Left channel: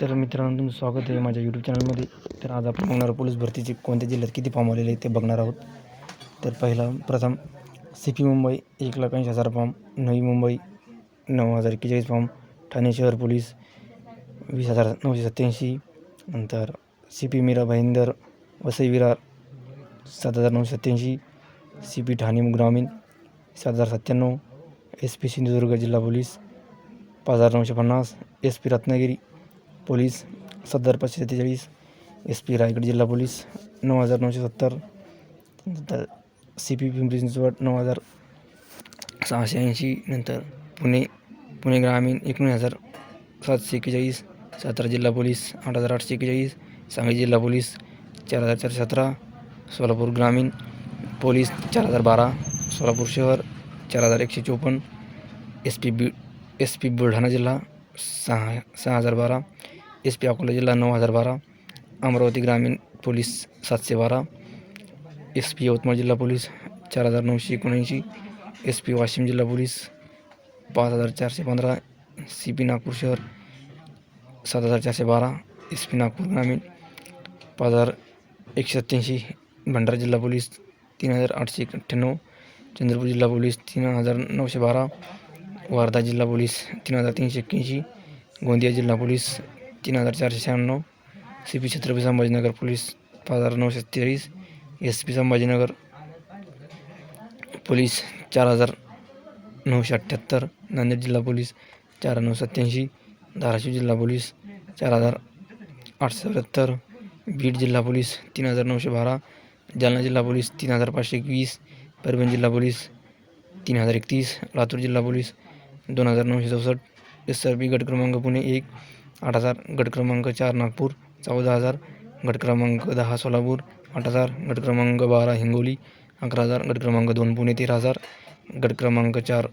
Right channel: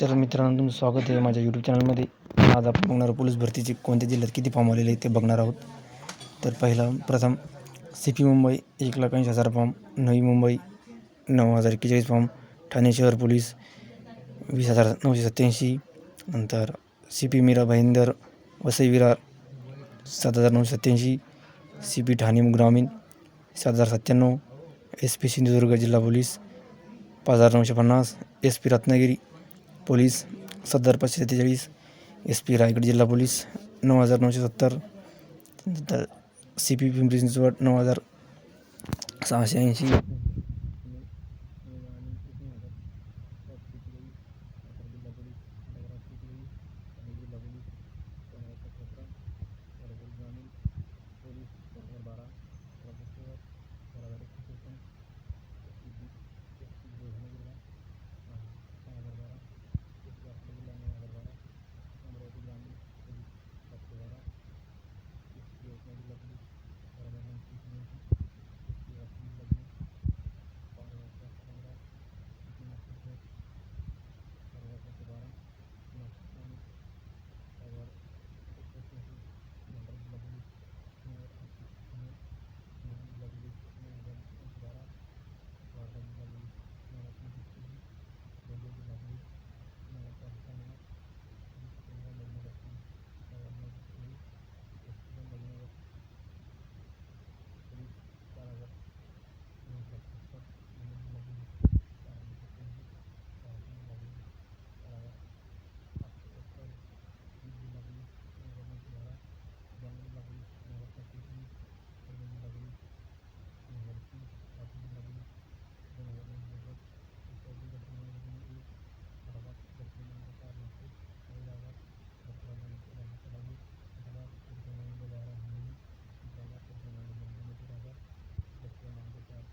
तर मित्रांनो, तुमचं स्वागत आहे माझ्या यूट्यूब चॅनलमध्ये. आज आपण बघणार पोलीस भरतीचे कोणत्या जिल्ह्यात किती फॉर्म आलेले आहे ते बघणार आहोत. तर प्रथम CP Mumbai 1,80,000 form, Navi Mumbai 9,041 form, Thane शहर पोलीस 20,987, नंतर CP मीरा भाईंदर वसई विरार 7,987, CP ठाणे ग्रामीण 7,097, SP सिंधुदुर्ग जिल्हा police 5,950, SP Ratnagiri police 7,543, SP Raigad जिल्हा पोलीस 9,970, नंतर CP पिंपरी चिंचवड 9,680, नंतर पुणे ग्रामीण 19,741, सातारा जिल्हा पोलीस 8,841, सांगली जिल्हा पोलीस 4,417, सोलापूर ग्रामीण पोलीस 4,012, सोलापूर शहर 4,154, SP बुलढाणा जिल्हा 6,012, SP अकोला जिल्हा 9,012, अमरावती ग्रामीण पोलीस 712, SP यवतमाळ जिल्हा पोलीस 4,979, SP वाशिम जिल्हा पोलीस 5,415, CP नागपूर शहर 7,412, SP नागपूर ग्रामीण 5,187, भंडारा जिल्हा पोलीस 3,898, चंद्रपूर जिल्हा पोलीस 3,912, वर्धा जिल्हा पोलीस 3,381, गोंदिया जिल्हा police 3,496, CP Chhatrapati Sambhajinagar police 5,943, SP Sambhajinagar police 4,978, Nanded जिल्हा पोलीस 4,987, धाराशिव जिल्हा पोलीस 4,874, बीड जिल्हा पोलीस 3,912, जालना जिल्हा पोलीस 3,521, परभणी जिल्हा पोलीस 3,031, लातूर जिल्हा पोलीस 2,964, SRP गट क्रमांक पुणे 1 8,000, गट क्रमांक 4 नागपूर 14,000, गट क्रमांक 10 सोलापूर 8,000, गट क्रमांक 12 हिंगोली 11,000, गट क्रमांक 2 पुणे 13,000, गट क्रमांक 4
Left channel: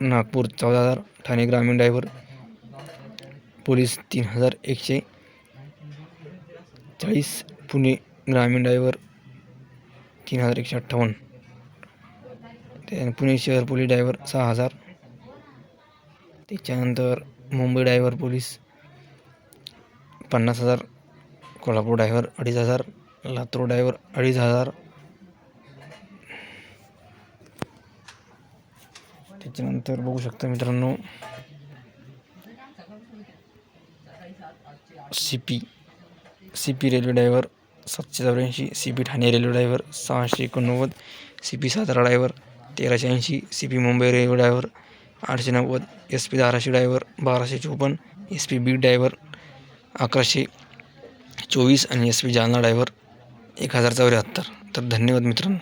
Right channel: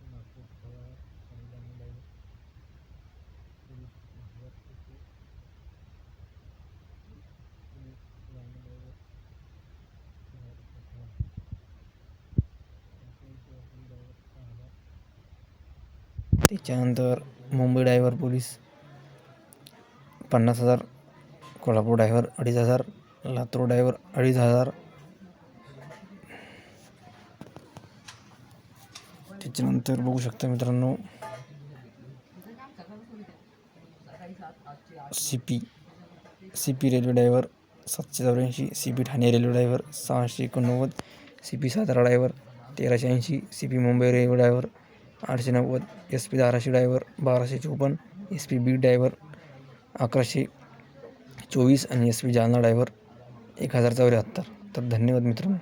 नागपूर 14,000, ठाणे ग्रामीण ड्रायव्हर पोलीस 3,140, पुणे ग्रामीण ड्रायव्हर 3,158, पुणे शहर पोलीस ड्रायव्हर 6,000. त्याच्यानंतर Mumbai driver police 50,000, Kolhapur driver 2,500, Latur driver 2,500. त्याच्यानंतर बघू शकता मित्रांनो, CP railway driver 784, CP Thane railway driver 689, CP Satara driver 1,380, CP Mumbai railway driver 890, SP Dharashiv driver 1,254, SP Beed driver 1,124 आणि SP जालना ड्रायव्हर 1,074. तर धन्यवाद मित्रांनो.